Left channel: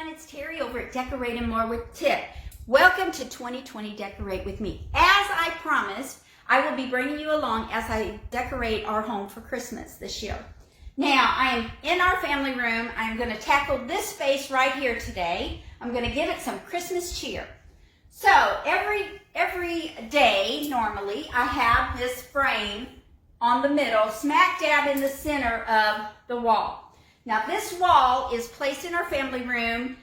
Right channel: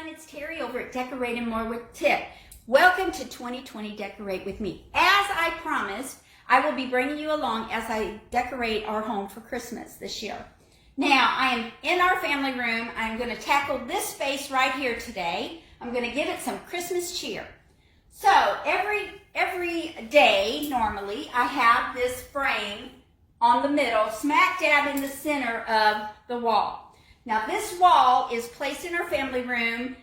everyone, it's Terry over at Decorating More with Tip. Welcome to 2020 Decorate with me. As I promised, I will be bringing you along as I decorate our home for Christmas this year. Now, I am in our family room. I'm going to tackle this space right here today. I'm going to give it some Christmas cheer. So every day, normally, I have this frame on the middle, smack dab in the center of the wall. Now this wall is placed in our family room.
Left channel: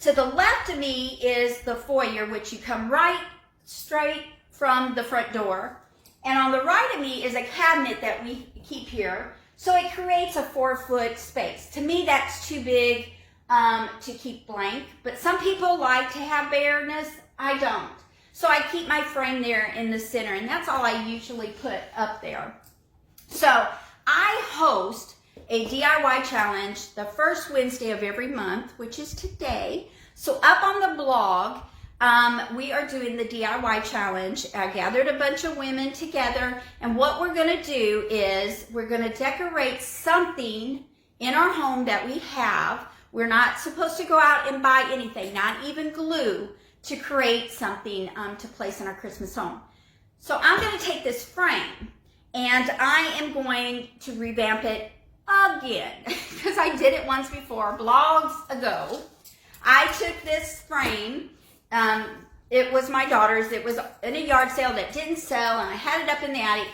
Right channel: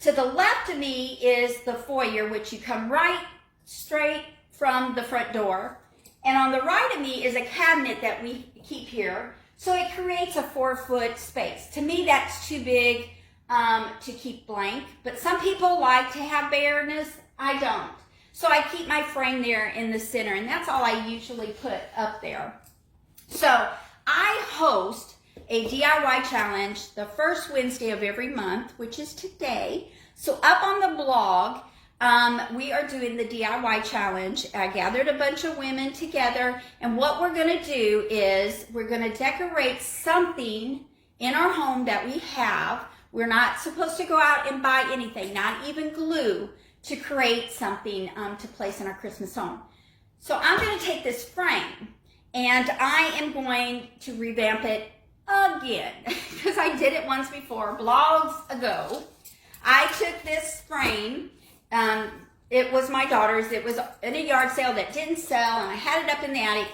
To the left of me is the foyer, which you come right straight from the front door. And on the right of me is a cabinet that we keep here. So it creates a 4-foot space. To me, that's too big to keep blank. But some people like to have bareness. I don't. So I keep my frame there in the center, and that's all I usually put up there. So I host a DIY challenge the first Wednesday of every month, which is today. So up on the blog, we are doing the DIY challenge. I gathered a bunch of women together, and what we're going to do is we're going to decorate something in our home that we have. We're not supposed to go out and buy anything, not even glue, to create something to place in our Christmas home. So I'm going to take this frame, and I am going to revamp it again, because I did it once before, blogs ago. I took this frame, it was my daughter's, it was in a yard sale that didn't sell, and I had it up in the attic.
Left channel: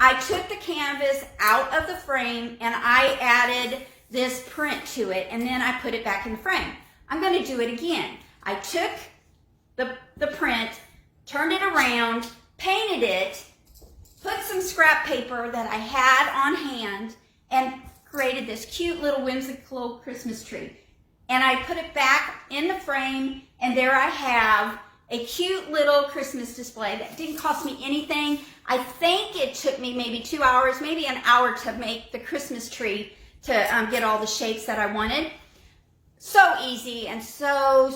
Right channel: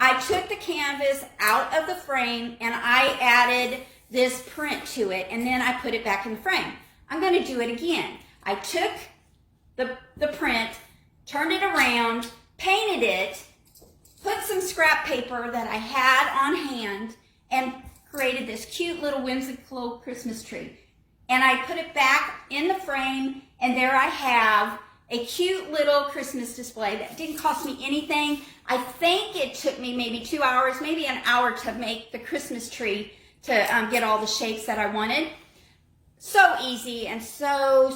I took the canvas out of the frame, and I added this print to it, and then I put it back in the frame. I'm going to do it again. I took the print, turned it around, painted it, put some scrap paper that I had on hand, and created this cute little whimsical Christmas tree. And I put it back in the frame, and there I have a cute little Christmas display that didn't cost me anything. I think it took me maybe 2 hours, maybe an hour to make the Christmas tree to get all the shapes that I wanted. So easy and so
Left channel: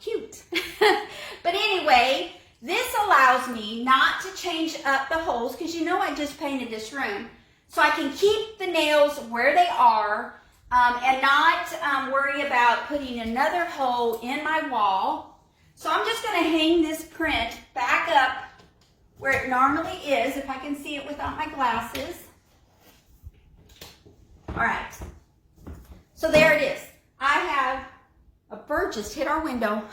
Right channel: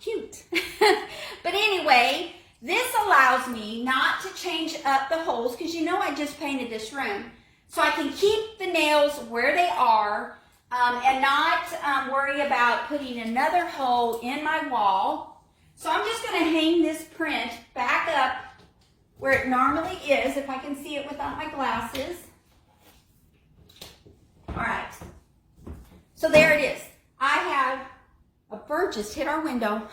cute. But anyway, this allows me not to change up the holes, because you know I just painted this room. So I can keep the nails where they are and not worry about putting another hole in my wall. So I'm just going to hang this print back up where it normally is, if I can see it without my glasses. All right. So there it is. I have a bird just hit our window.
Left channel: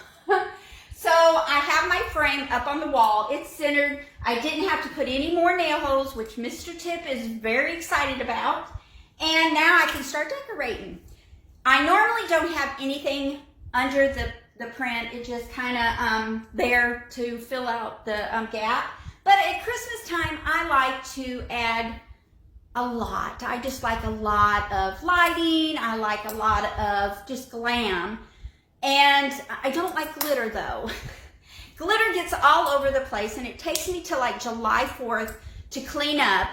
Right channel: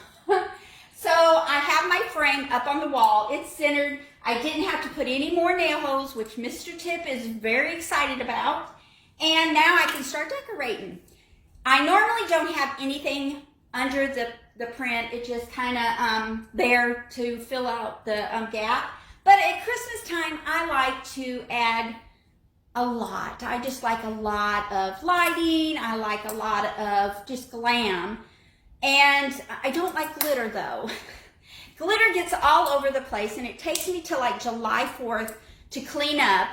So I have my frame up on the wall. It's centered. I didn't have to put any more nail holes, which Mr. Tip is very excited about. And now I can start decorating. I normally don't have anything under the print. It's just kind of there to fill out the gap. But at Christmas time, I like to add a lot. I just like a lot of lighting. I like a lot of just glam. And I don't like glitter though. Glitter gets all over the place, and it takes me to like July 4th to clean up.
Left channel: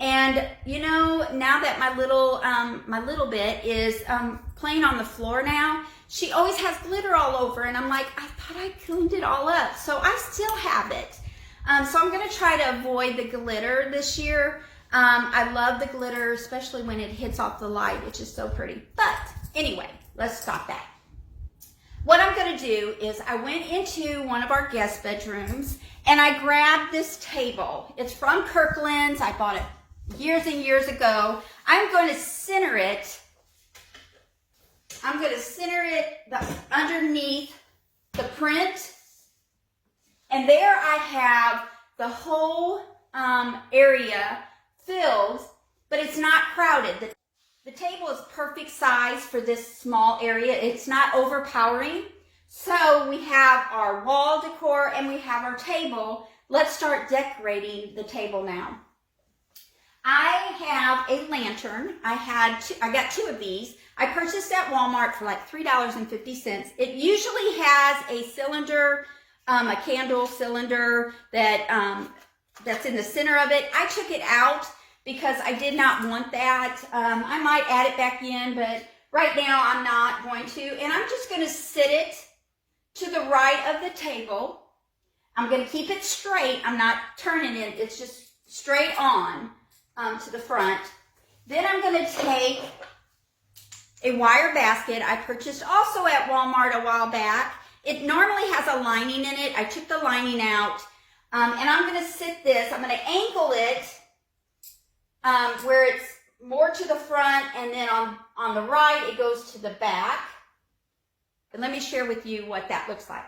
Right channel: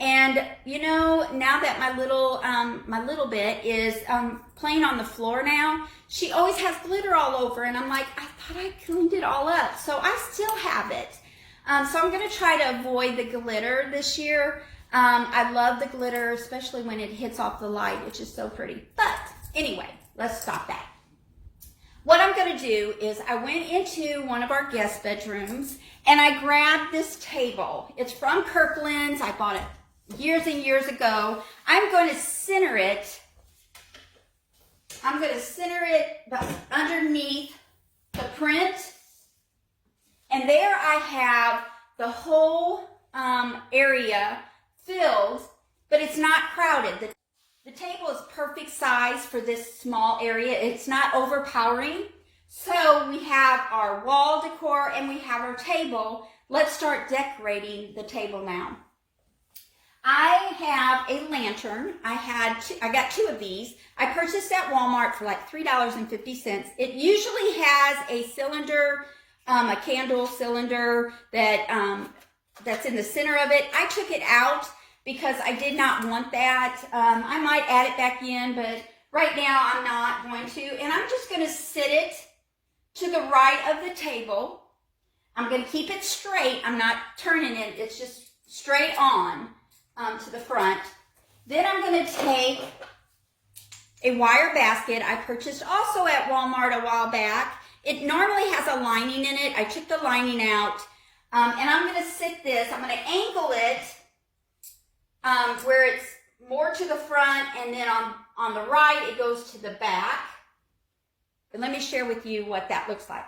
And you know, now that my little bit is playing on the floor now, she always has glitter all over, and I'm like, I thought I cleaned it all up. So I still have it. So I'm gonna try to avoid the glitter this year. I love the glitter, especially when it hits off the light. It's just so pretty. But anyway, let's stop that. What I'm going to do is I went into one of our guest bedrooms, and I grabbed this table. It's from Kirkland's. I bought it years and years ago. I'm going to center it. I'm going to center it underneath the print. And there I have the whole area filled, but it's not crowded. The table is perfect size for this small area. It's not overpowering. So we have our wall decor and we have our table. Let's start decorating the table now. I have a lantern. I got 2 of these. I purchased at Walmart for like $3.50. It usually has a cylinder, a candle cylinder that's in the center of it. I took it out because I did not want that. I might add it back in, but right now I'm not going to. And I'm just going to sit it to the right of the table. I'm going to keep it straight. I'm not turning it. It's just straight on to the front. Then I'm going to take a wire basket I purchased also at Walmart a while back. It normally has a lining in it. I took the lining out, and I'm going to sit this. I'm going to angle it where it's more to the front, and then on the right it goes to the back. And let me share with you what that looks like.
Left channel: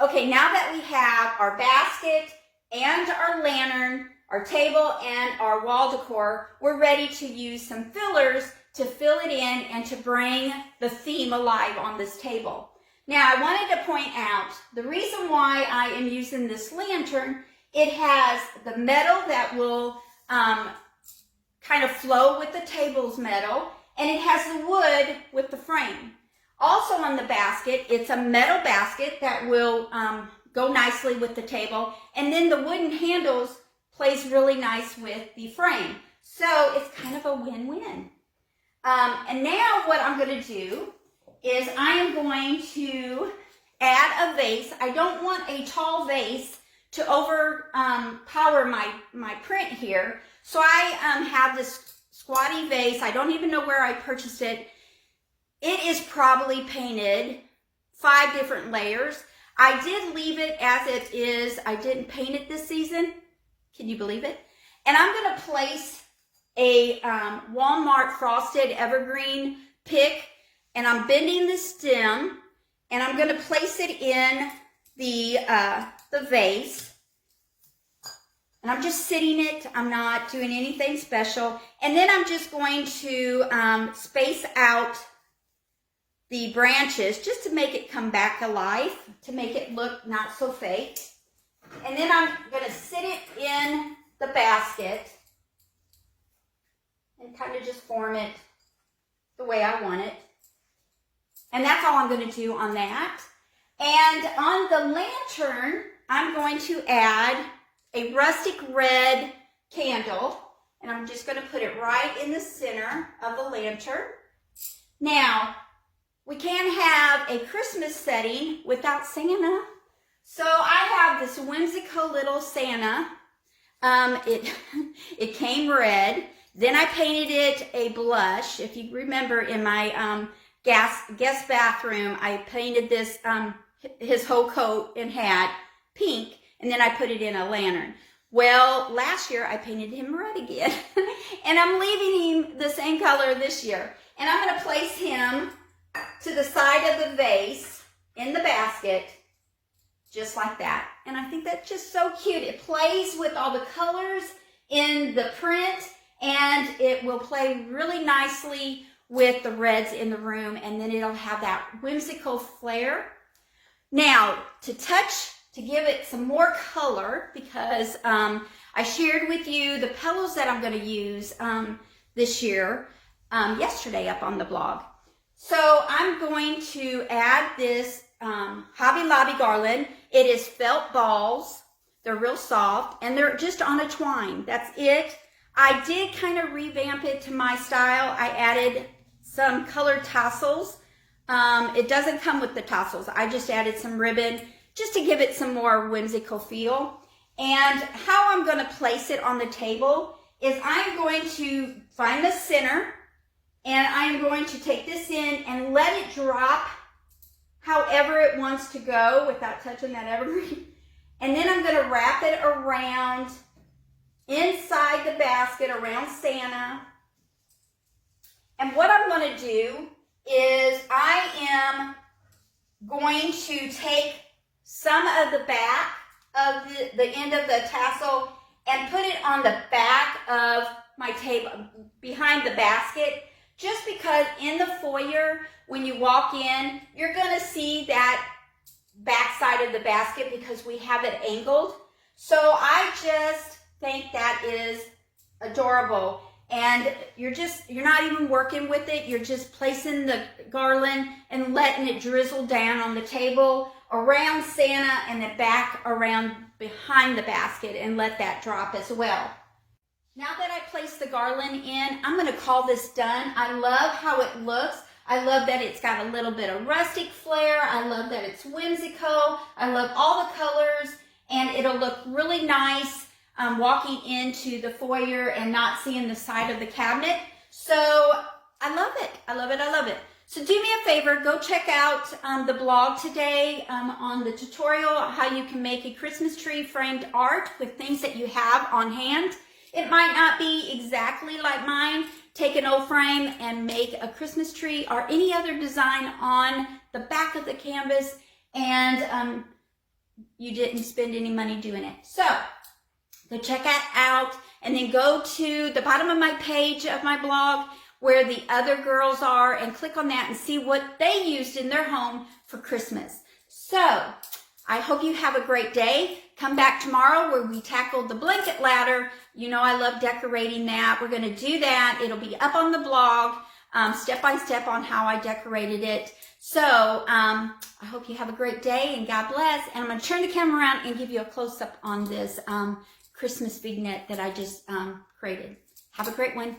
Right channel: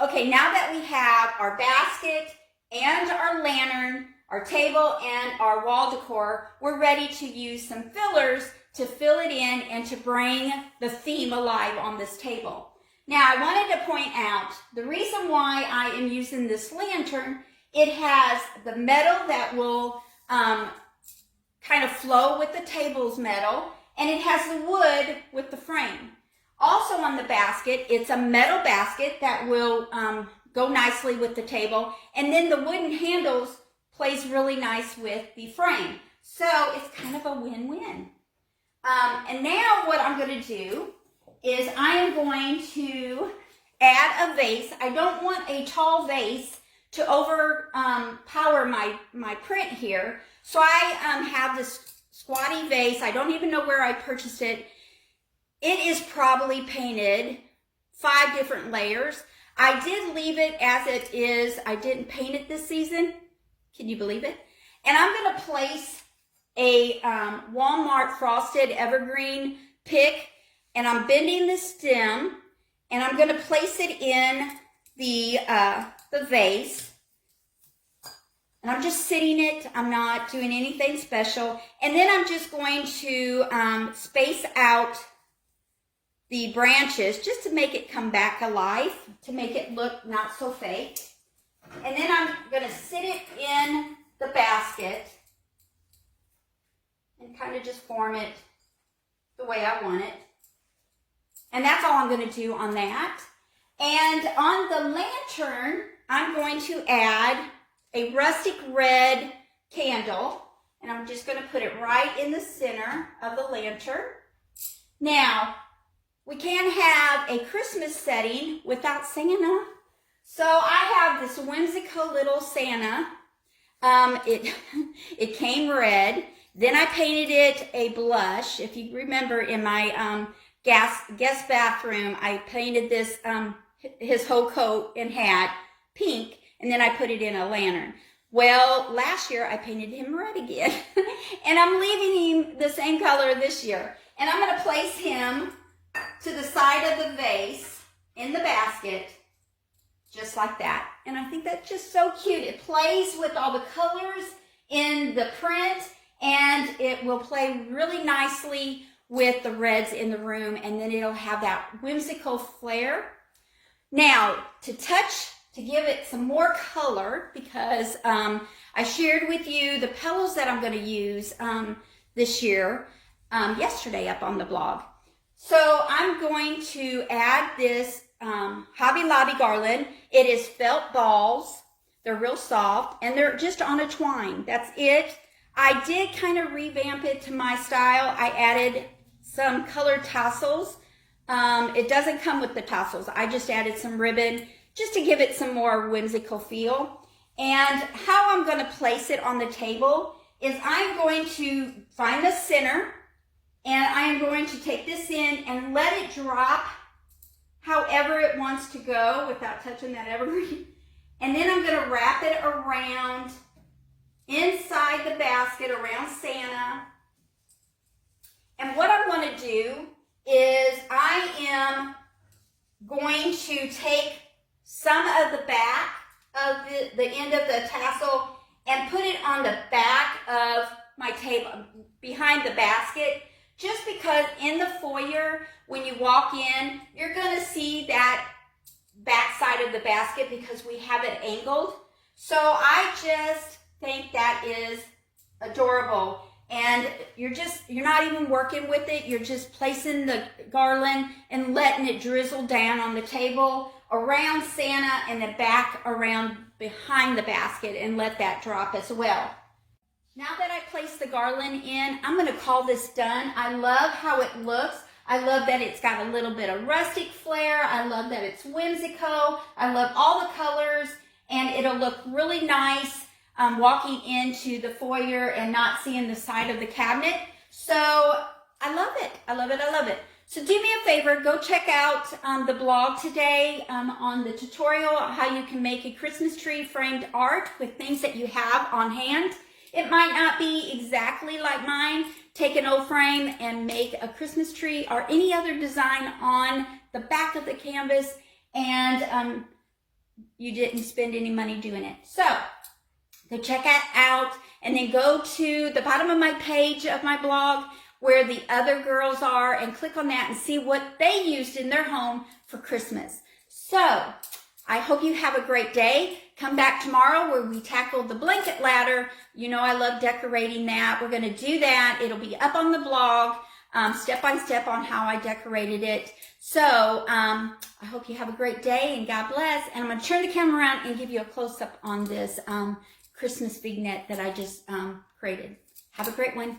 Okay, now that we have our basket and our lantern, our table, and our wall decor, we're ready to use some fillers to fill it in and to bring the theme alive on this table. Now, I wanted to point out the reason why I am using this lantern. It has the metal that will kind of flow with the table's metal, and it has the wood with the frame. Also on the basket, it's a metal basket that will go nicely with the table, and then the wooden handles plays really nice with the frame. So it's kind of a win-win. And now what I'm going to do is I am going to add a vase. I don't want a tall vase to overpower my print here. So I have this squatty vase. I don't even know where I purchased it. It is probably painted 5 different layers. I did leave it as it is. I didn't paint it this season. Can you believe it? And I'm going to place a Walmart frosted evergreen pick, and I'm bending the stem, and I'm going to place it in the vase. And I'm just sitting it. I'm not doing anything special. And then I'm just going to space out the branches just to make it come back alive, to make it look not so fake. And then I'm going to sit it in the basket and kind of just form it the way I want it. And that's all I'm going to do on that. And on the lantern, I'm going to add a rustic red candle, and I'm just going to put it right in the center of the lantern. Now, we can't have a Christmas setting without Santa. So I have this whimsical little Santa. It came red. Then I painted it a blush. If you remember in my guest bathroom, I painted this his whole coat and hat pink, and then I put it in a lantern. Well, last year I painted him red again, and I'm leaving him the same color this year. And I'm going to place him to the side of the vase in the basket, just like that. And I think that's just so cute. It plays with all the colors in the print, and it will play really nicely with the reds in the room, and then it'll have that whimsical flair. Now, to give it some more color, because I shared with you the pillows that I'm going to use this year yesterday up on the blog. So I'm going to add this Hobby Lobby garland. It is felt balls. They're real soft, and they're just on a twine. That's it. I did kind of revamp it to my style. I added some colored tassels. It doesn't come with the tassels. I just added some ribbon just to give it some more whimsical feel. And how I'm going to place it on the table is I'm going to find the center, and I am going to take this in and let it drop however it wants to go without touching that evergreen. And then I'm going to wrap it around inside the basket around Santa. And what I'm going to do is I am going to take some of the back of the end of the tassel and put it on the back of my table, behind the basket, just because in the foyer, when you walk in, you're going to see that back side of the basket because we have it angled. So I just think that is adorable. And you're not even working with it. You're just placing the garland and letting it drizzle down on the table around Santa and the back around behind the basket, and let that drop as well. Now that I placed the garland in, I'm going to call this done. I love how it looks. I love that it's got a little bit of rustic flair. I love that it's whimsical. I love all the colors, and it'll look really nice walking into the foyer and not seeing the side of the cabinet. So I love it. I love it. I love it. So do me a favor, go check out the blog today on the tutorial how you can make a Christmas tree framed art with things that you have on hand. It might not be exactly like mine. Take an old frame and make a Christmas tree or any other design on the back of the canvas, and you didn't spend any money doing it. So go check that out, and then go to the bottom of my page of my blog where the other girls are and click on that and see what they used in their home for Christmas. So I hope you have a great day. Come back tomorrow where we tackled the blanket ladder. You know I love decorating that. We're going to do that. It'll be up on the blog step by step on how I decorated it. So I hope you have a great day and God bless. And I'm going to turn the camera around and give you a close-up on this Christmas vignette that I just created. Have a great one.